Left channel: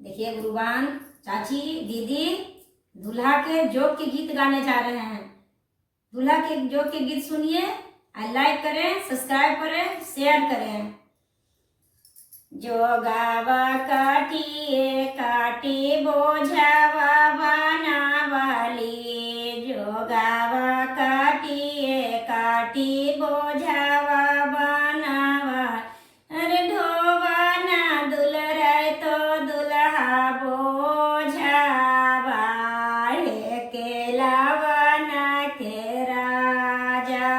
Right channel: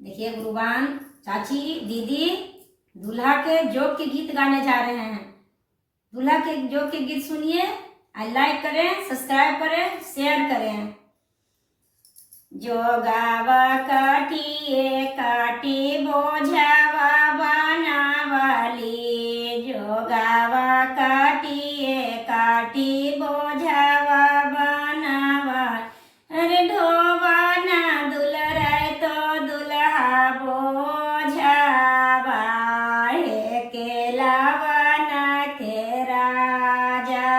देखिए गुरुबान, चाची, दीदी दूल्हा के जोग के गीत गाने जा रहे हैं। दूल्हा के जोग के गीत सुनिए और लाइक करें, सब्सक्राइब करें, शेयर करें। जोगावा काटिए काटी बोझावा बनावली, जोगावा काटिए काटी बोझावा बनावा। अरे ढोवाना दुलराय तो दुल्हा बोझावा, हे केलावाना के राजा।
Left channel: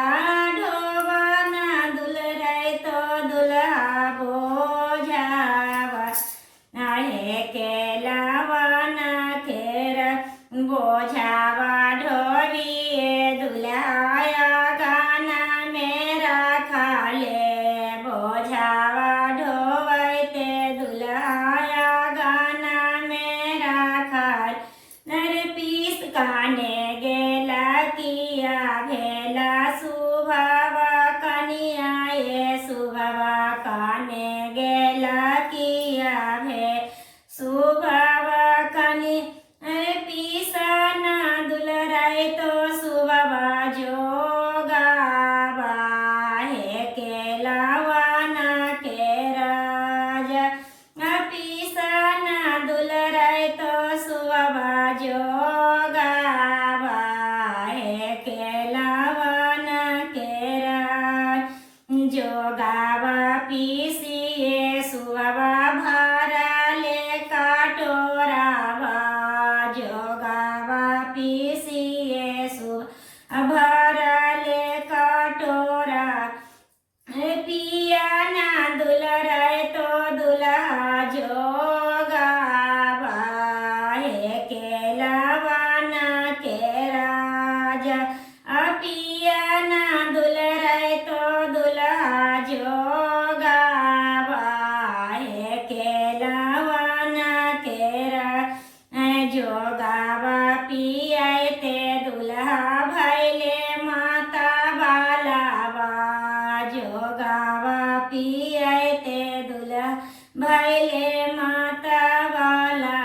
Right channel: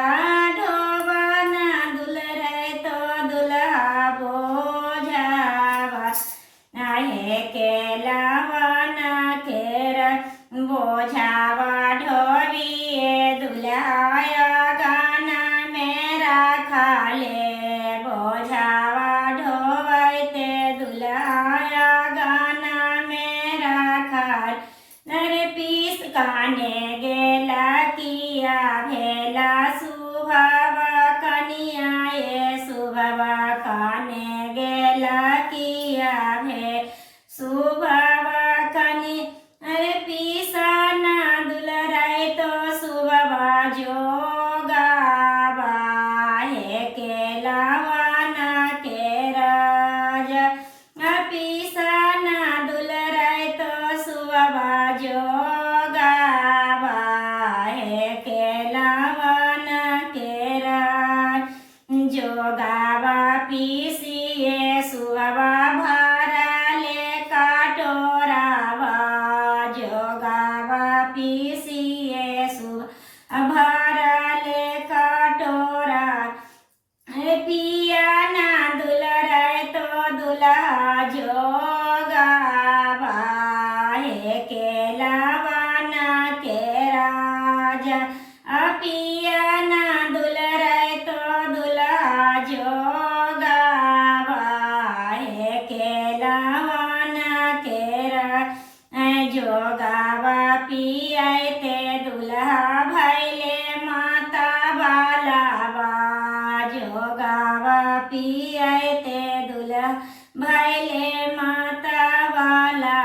ढोवाना दुलराय तो दुल्हा बोझावा, हे केलावाना के बोझावा। ढोविए दुल्हाया गाना मेरा खाले, बोझावा ढोवते दुल्हाया गाना मेरा खाल। नर पीस काने गेला किया भेला सुभावा कनिया, ये सुभावा काने गेला किया भे सुभावा कनि। अरे पीसाना दुलराय तो सुभावा जोगावा, हे केलावाना के राजा। पीसाना दुलराय तो सुभावा जोगावा, हे केलावाना के राज। जोगावा पीसिए सुभावा भराले काटोरावा, जोगावा पीसिए सुभावा भराले काटोरा। पिया ना दुलराय तो दुल्हा जोगावा, हे केलावाना के राजा। पिया ना दुलराय तो दुल्हा जोगावा, हे केलावाना के राजा। जोगावा पियाते दुल्हा भैले माता बालावा, जोगावा पियाते दुल्हा भैले माता बाला।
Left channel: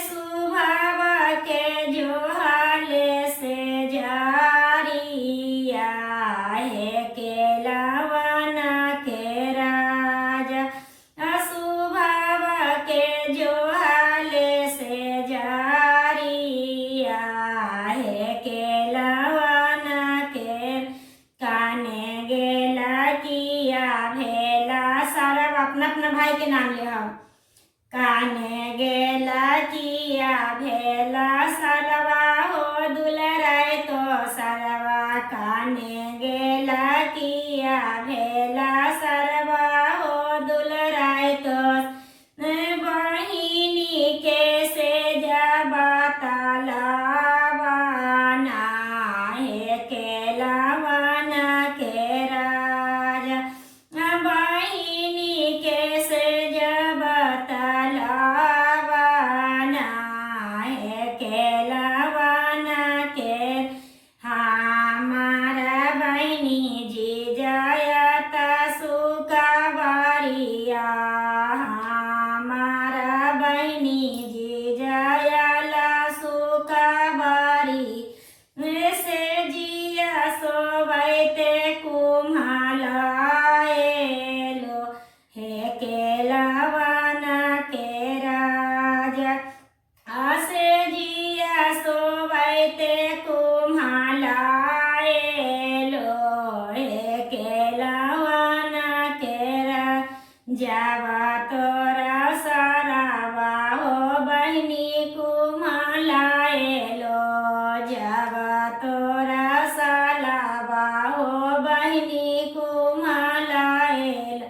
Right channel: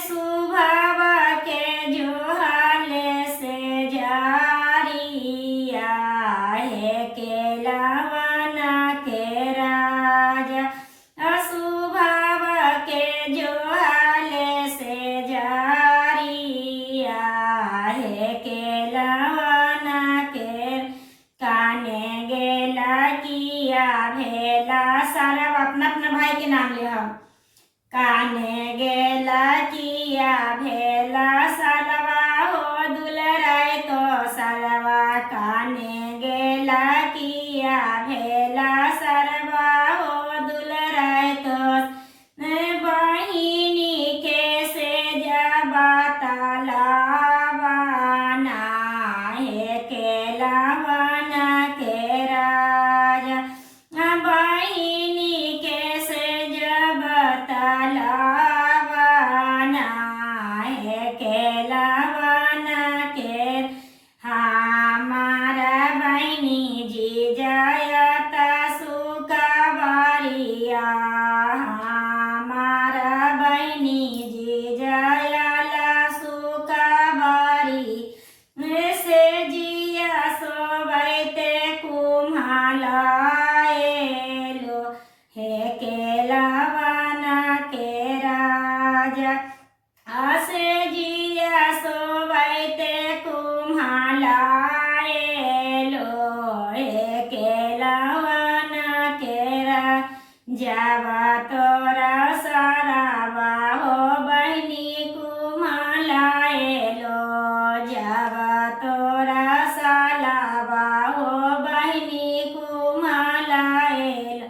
सुभावा के जोहाले से जारिया, हे केलावाना के राजा। सुभावा के जोहाले से जारिया, हे केलावाना के। काने गेला किया भेला सारा अपना अपना भाई के नाम ले हम। काने गेला किया भेला सालवा हो दुलराय तो सालवा, काने गेला किया भेला सालवा हो दुलराय तो। बहिनी के से जाबा तालावाना, हे केलावाना के राजा। बहिनी के से जाबा तालावाना, हे केलावाना के। हमारा बहिनी जी जायता सुकावारिया, हमारा बहिनी जी जायला सुकावारी। से जिया सोवैते कुम्हाला एलो, हे केलावाना के राजा। आसे जिया सोवैते कुम्हाला एलो, हे केलावाना के राजा। जावा तोरा सारावा हो बहिनी कुम्हाला एलो, जावा तोरा सालावा हो बहिनी कुम्हाला एलो।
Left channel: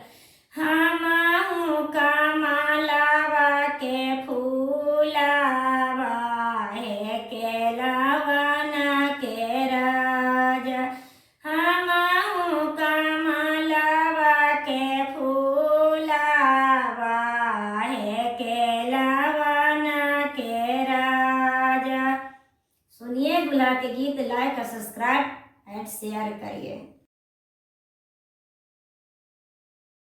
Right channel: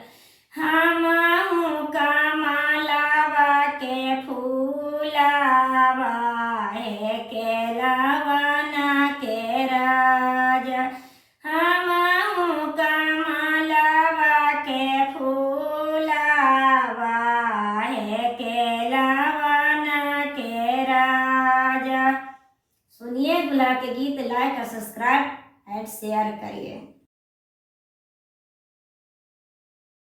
हमहु कमलावा के फूलावा, हे केलावाना के राजा। हमहु कमलावा के फूलावा, हे केलावाना के राजा। सुनिए दूल्हा के गीत, लाइक और सब्सक्राइब एंड शेयर करिए।